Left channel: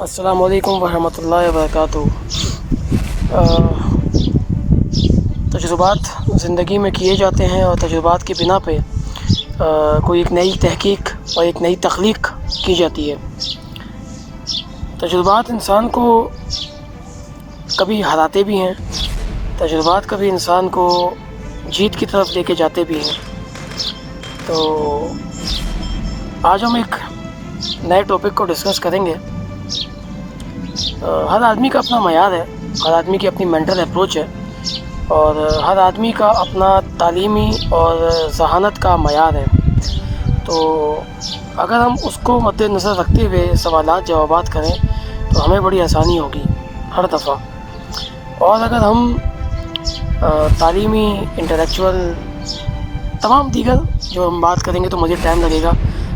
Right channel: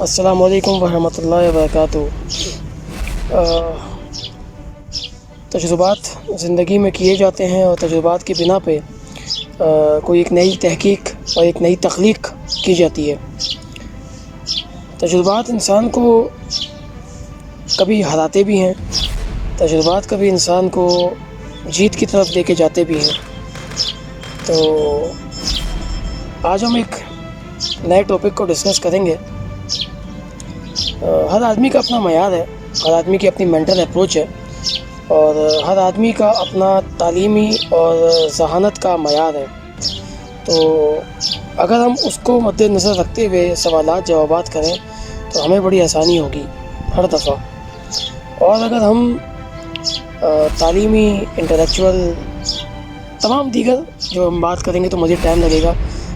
السلام علیکم ورحمۃ اللہ وبرکاتہ۔ تجربات زندگی میں کیے جاتے ہیں اور تجربات کی بنا پہ کوئی ایک نئی تحقیق اور ایک نئی تخلیق کی جاتی ہے۔ تجربات انسان کو کبھی ہراتے بھی ہیں، تجربات کبھی انسان کو جیت کی طرف لے کے جاتے بھی ہیں۔ تو آج ہم ایک نئے ٹاپک کو ڈسکس کریں گے۔ ہر آدمی کا اپنا معیار ہے، ہر آدمی کی اپنی مینٹل اپروچ ہے، اور ہر آدمی کا اپنا تعلیمی اور ذہانت کا معیار ہے۔ تو اگر ہم اس کو مد نظر رکھتے ہوئے سوالات جوابات کریں تو ہمیں بڑی آسانی ہوگی ہر دفعہ۔ اور اگر ہم تعلیمی، انٹلیکچول، تمام دیگر جو ہم بات کریں گے تو مجھے ٹائم لگے گا۔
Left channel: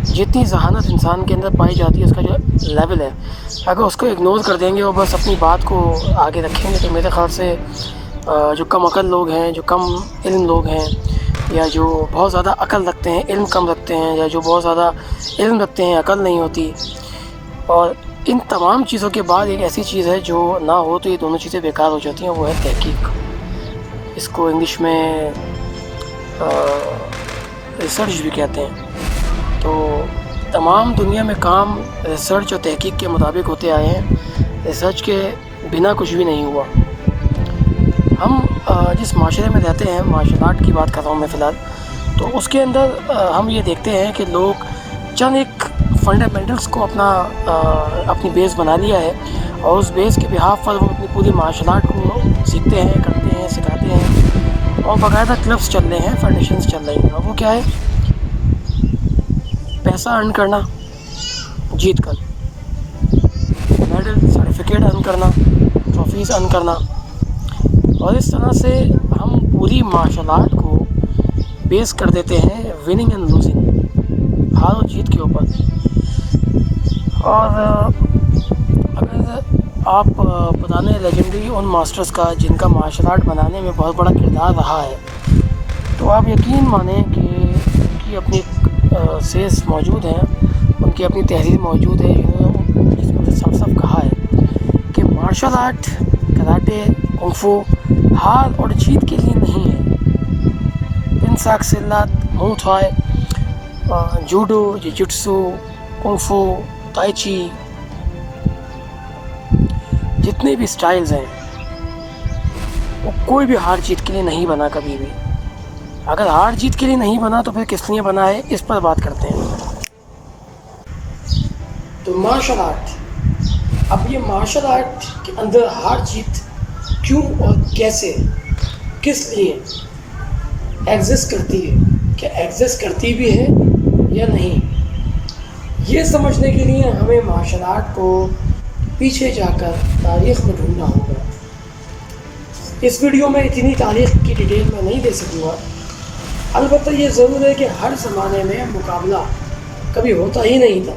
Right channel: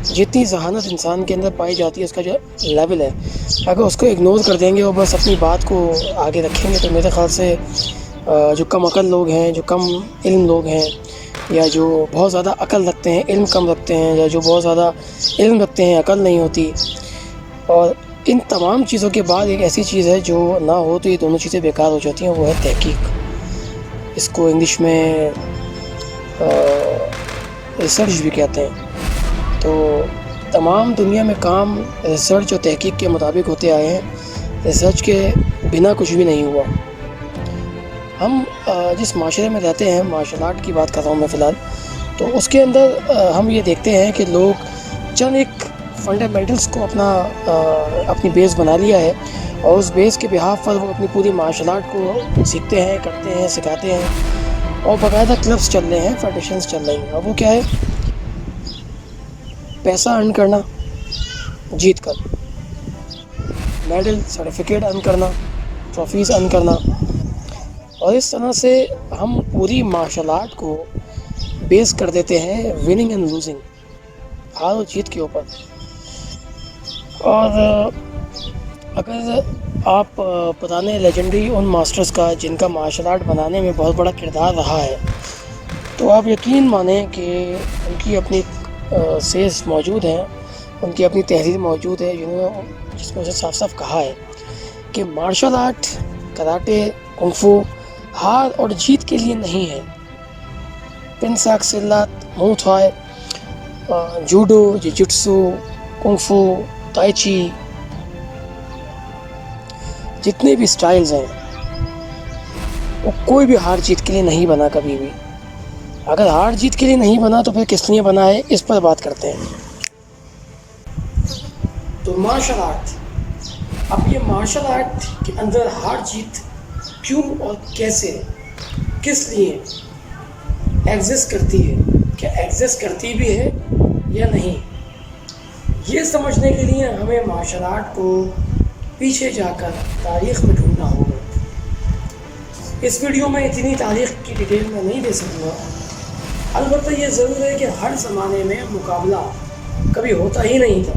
جتنی ذہانت انسان کے اندر پائی جاتی ہے، اس کا جو لیول ہے، اگر اس کو اگنور کر دیں گے اور بس اپنی بات کو آگے رکھیں گے تو میرے خیال سے جو کم عقل لوگ ہیں، جو کم علم لوگ ہیں، یا جو بہت زیادہ عقل رکھتے ہیں علم کم رکھتے ہیں، یا جو بہت زیادہ علم رکھتے ہیں عقل نہیں ہوتی، اور ان تمام چیزوں کے بعد ایک ایسی چیز ہے جو نہ ہو تو یہ دونوں چیزیں بیکار ہو جاتی ہیں، وہ ہے تحقیق۔ اس کو انگلش میں ریسرچ بھی کہتے ہیں۔ تو تمام دنیا میں کام ریسرچ اور تحقیق کے مطابق ہوتے آئے ہیں، ریسرچ کے بنا کچھ بھی نہیں ہوا۔ ہم جس معاشرے میں رہتے ہیں، مارشل آرٹ کی بات کر رہا ہوں میں فی الحال، تو اس کے اندر ہم یہ دیکھتے ہیں کہ لوگ چند ایک فنڈامنٹلس کو اپنی بیس بنا لیا ہے، اور اس بیس کے بہاف پر وہ اپنی پوری مارشل آرٹ کو سیکھتے ہیں، کرتے ہیں، سکھاتے ہیں، اور باقاعدہ کلبس چل رہے ہیں، فیڈریشنز چل رہی ہیں۔ اور وہ کیا ہے؟ پیسہ ارن کرنا، جیت کر میڈل، سرٹیفکیٹ ارن کرنا، ٹرافیز ارن کرنا، اور اس طرح سے ہم پوری مارشل آرٹ کو بیس کر دیتے ہیں وننگ اینڈ لوزنگ، ہار اور جیت کے اوپر۔ اور اگر آپ پرانے لیجنڈری ان ماسٹرز کا جن کا مارشل آرٹ بنانے میں بہت بڑا کردار رہا ہے، تو آپ یقین مانیں کہ ان کی اپنی سیز موجود ہیں، ان کی اپنی تحریر موجود ہے، جس میں سے صاف صاف کہا ہے کہ مارشل آرٹ، کراٹے، کنگ فو ہار اور جیت کے لیے نہیں ہے۔ پنساک سلات، مو تھائے، جوڈو، جوجٹسو، کنگ فو، تائی چی، جتنے بھی سٹائلز ہیں وہ کوئی بھی ہار جیت کے لیے نہیں بنا کبھی بھی۔ اگر ہار جیت کے لیے نہیں بنا تو پھر کس لیے بنا ہے، اس پر بات کرتے ہیں۔ تو مارشل آرٹ، اب یہ مارشل آرٹ کے اندر ہار جیت کیوں اور کیسے، کس لیے ایگزسٹ کرتی ہے، کیا ایگزسٹ کرتی بھی ہے یا نہیں، یہ سمجھنے کے لیے ہمیں مارشل آرٹ کو پیچھے جا کر تاریخ میں ڈھونڈنا ہوگا۔ اس ویڈیو میں اتنی تاریخ کی ڈیٹیل میں نہیں دے سکوں گا، البتہ یہ ضرور ہے کہ ہر زمانے میں مقابلہ کبھی ہوتا ہی نہیں تھا۔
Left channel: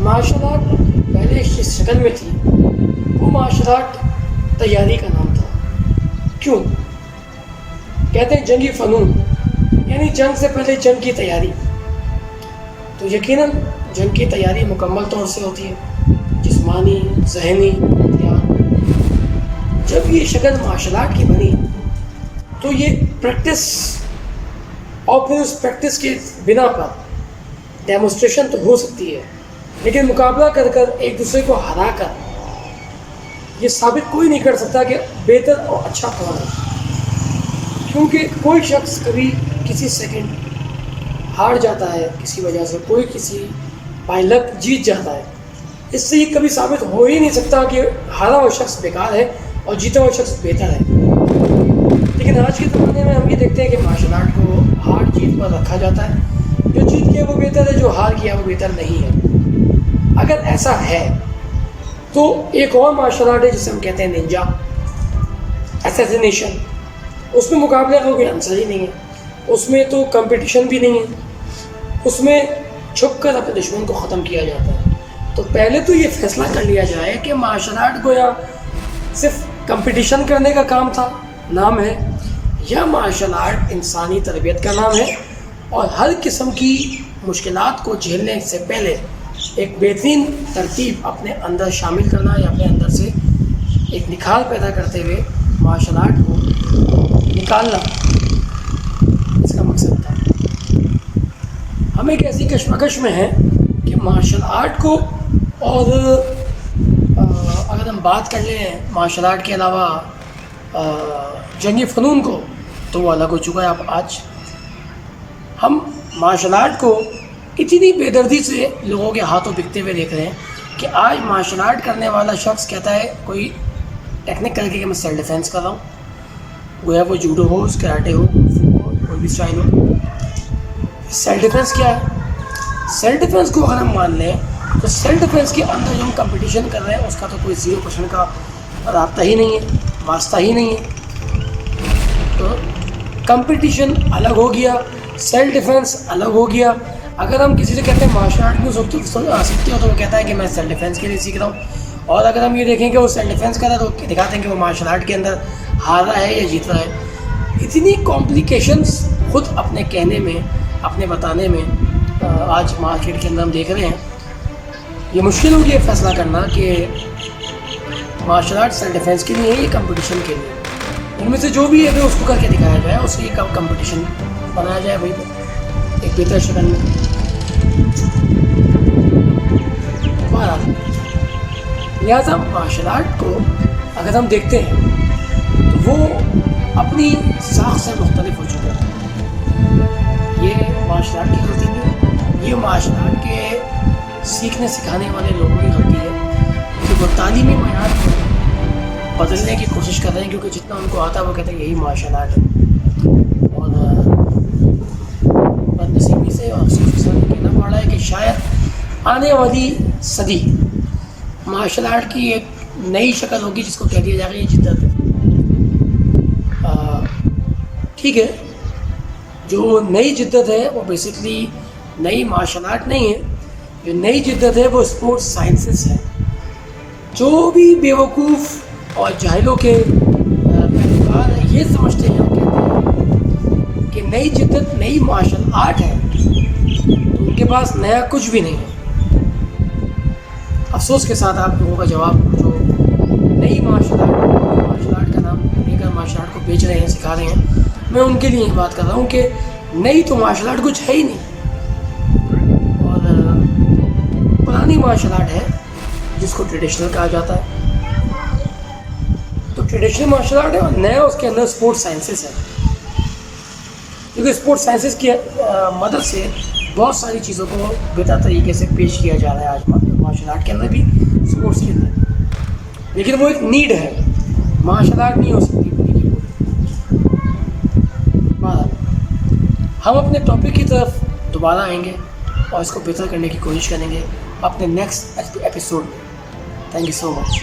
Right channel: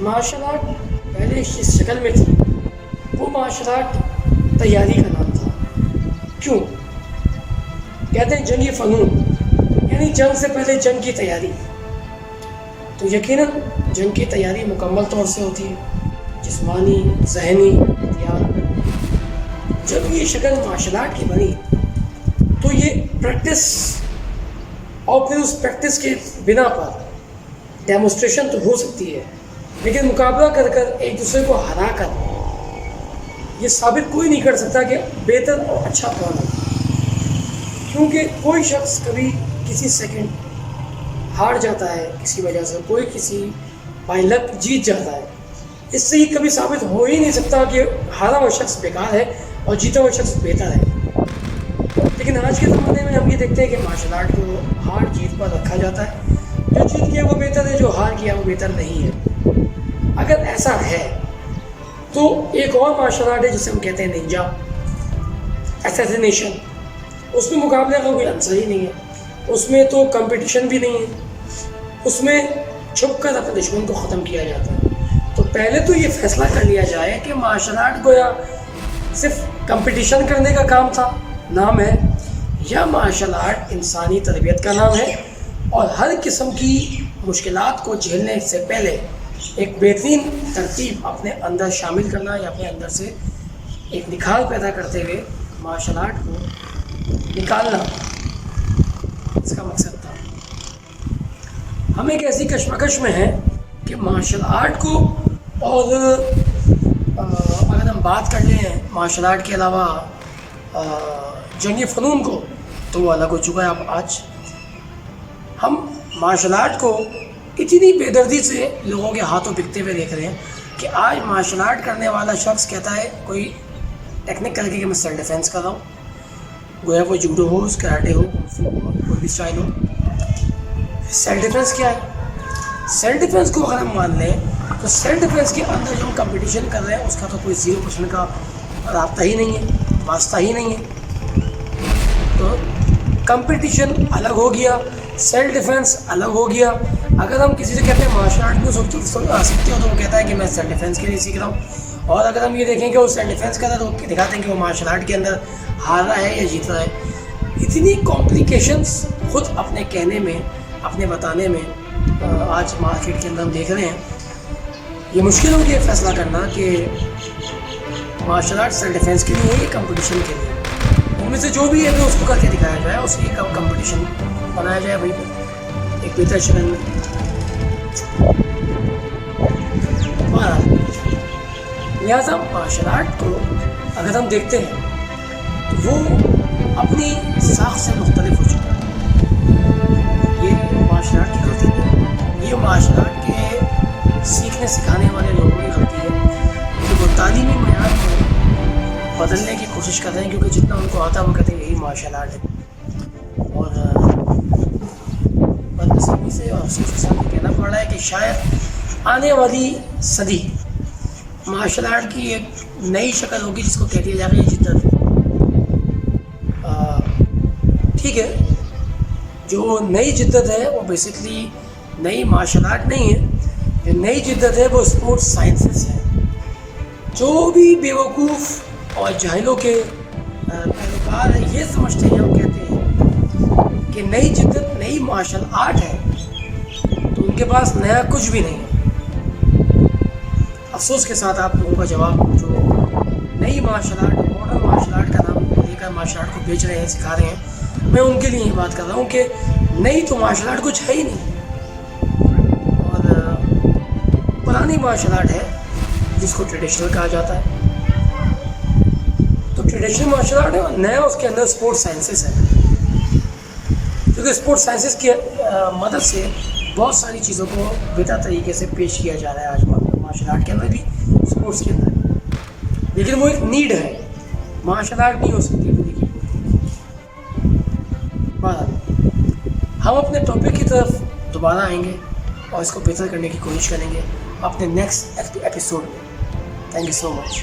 مارشل آرٹ پہلے جس شکل میں تھی وہ مارشل آرٹ تیاری کا نام تھا۔ کیوں کہتے ہیں جنگی فنون، یعنی جنگ سے پہلے جنگ کی تیاری۔ تو یقیناً جنگ کی تیاری مکمل طور سے ہوتی ہے، جسمانی، ذہنی، ہتھیار۔ جب یہ شکل مارشل آرٹ کی بنی تو یہ پریکٹس، اور پھر اس پریکٹس کے بنا پر ڈیمونسٹریشن تو ہو سکتی ہے، لیکن مقابلہ کر کر ایک دوسرے کو ہرا کر یہ ثابت کوئی نہیں کر سکتا کہ بہتر اور اچھا کون ہے، کیونکہ کوئی شخص کبھی کسی سیکنڈ ہار جاتا ہے کسی وجہ سے، کوئی کسی بائی لک جیت جاتا ہے۔ اس سے یہ کبھی ثابت ہو ہی نہیں سکتا کہ ہارا ہوا شخص بیکار ہے اور جیتا ہوا شخص بہتر ہے۔ لیکن آج کے زمانے میں ہم یہ دیکھتے ہیں کہ مارشل آرٹ کو ہار جیت پر رکھا جاتا ہے، جو جیت کیا وہ بہتر ہے، جو ہار کیا وہ بہتر نہیں ہے۔ اگر ایسا ہے تو ایک اور مارشل آرٹ ہے جسے ہم کہتے ہیں ننجا، اسیسینیشن۔ اس میں مقابلے کا کوئی عنصر ہی نہیں ہے، اس میں تو کمپٹیشن بھی نہیں ہے، اس میں چھپ کر اپنے دشمن کو ختم کیا جاتا ہے۔ تو پہلے تو یہ فیصلہ کر لیا جائے کہ مارشل آرٹ کو یا صرف کمپٹیشن کرنے کا کام تھا، نام ہے، یا مارشل آرٹ انسانی تربیت کا نام ہے، اور ہر قسم کی مشکلات کو جھیلنے سے پہلے ایک بہترین ترتیب اپنے اندر شامل کرنا یا اپنے اندر سے ایک نکھار پیدا کرتے ہوئے مارشل آرٹ کو نکالنا اس کا مقصد تھا. ہم ایک ایسی کشمکش میں ہیں کہ مارشل آرٹ کو اور اگر ہم بات کر لیں مارشل آرٹ کے علاوہ جنگی فنون کو تو وہ الگ ہو چکا ہے. اب آج ہم مارشل آرٹ کو اتنی بے دردی سے لوگوں کے ہاتھوں بکتے ہوئے دیکھ رہے ہیں کہ آج مارشل آرٹ کرنے والا شخص کہتا ہے کوئی ٹیکنک کر کے کہ میں سیلف ڈیفینس کر رہا ہوں, گویا وہ جوڈو ہو, کراٹے ہو, ہو, کوئی بھی اسٹائل ہو. سیلف ڈیفینس کیا ہے؟ سیلف ڈیفینس کو اگر ہم مان لیں تو سیلف ڈیفینس کے اندر جو ہم کمپٹیشن کر رہے ہیں اس کا تو کوئی 0% کا رابطہ ہی نہیں ہے, واسطہ ہی نہیں ہے. تو کمپٹیشن الگ ہو گیا, سیلف ڈیفینس الگ ہو گیا. اگر ہم کسی سے کہتے ہیں مارشل آرٹ کیوں سیکھتے ہو تو وہ کہتا ہے کہ میں سیلف ڈیفینس کے لیے سیکھ رہا ہوں. اور اگر ہم یہ دیکھیں کہ وہ سیلف ڈیفینس کر رہا ہے تو دکھاتے ہیں کہ وہ مارشل آرٹ کے اندر ہار رہا ہے یا جیت رہا ہے. اتنی کمپلیکیشنس خود اپنے کہنے میں, اپنے بتانے میں آج مارکیٹ کے اندر ہم دیکھ رہے ہیں. یہ مشکل ہو گیا فیصلہ کرنا کہ مارشل آرٹ سیلف ڈیفینس کے لیے ہے یا کمپٹیشن کے لیے. ان میں سے جو بھی ہے اس کو کر کے دکھایا جائے, اس کی کمپٹیشن بنایا جائے وہی پر ایک بہتر شکل میں. لہٰذا مارشل آرٹ کو اگر ہم دیکھتے ہیں تو وہ اپنی ساخت سے مختلف ہو چکا ہے. یہ مارشل آرٹ کی غلطی نہیں, یہ مارشل آرٹ کے سیکھنے سکھانے والے لوگوں کی غلطی ہے کہ وہ تعلیمی معیار کو بدلنے کی کوشش کر رہے ہیں, کیونکہ جتنا ان کو آتا ہے وہ کہتے ہیں یہی مارشل آرٹ ہے. اور بدنصیبی سے اور افسوس کے ساتھ کہنا پڑ رہا ہے کہ شاید آنے والی صدی مارشل آرٹ کی ایک نئی شکل ہوگی جس کو کہہ دیا جائے گا یہ جدت ہے. ٹھیک ہے, جو نئی جدت ہے وہ بیسکلی نئی مارشل آرٹ نہیں ہے. جو نئی جدت ہے وہ اسپورٹس سائنسز ہے. جو بھی بیوقوف اور جاہلوں کے پیروکار یہ سمجھتے ہیں اور کہتے ہیں کہ نئی جدت نئی مارشل آرٹ ہے تو ان کے پاس نیا کچھ بھی نہیں ہے. افسوس کے ساتھ آپ لوگوں کا جواب جو نئی مارشل آرٹ کا نام لے کر مارشل آرٹ کو بیچ رہے ہیں, سکھا رہے ہیں, میں ان کے لیے یہ بات کر رہا ہوں کہ نئی تو مارشل آرٹ کچھ ہے ہی نہیں, اور پرانی مارشل آرٹ ہے جس کو ٹریڈیشنل کہا جاتا ہے. تو ٹریڈیشنل مارشل آرٹ ہے اور نیا اس کے اندر اسپورٹس سائنسز ہے, کیونکہ اسپورٹس سائنسز کی مدد سے بہت ساری چیزوں کو بہتر طریقے سے پیش کیا جا رہا ہے آج مارشل آرٹ کے اندر بھی, اسپورٹس کے اندر. لیکن وہ ایک نیڈ ہے, مارشل آرٹ نہیں ہو سکتی پوری کی پوری. ہم اپنے ٹاپک کی طرف دوبارہ آئیں گے اور اس کو بہتر کرنے کی کوشش کریں گے اپنے نیکسٹ ایپیسوڈ میں. Thank you so much.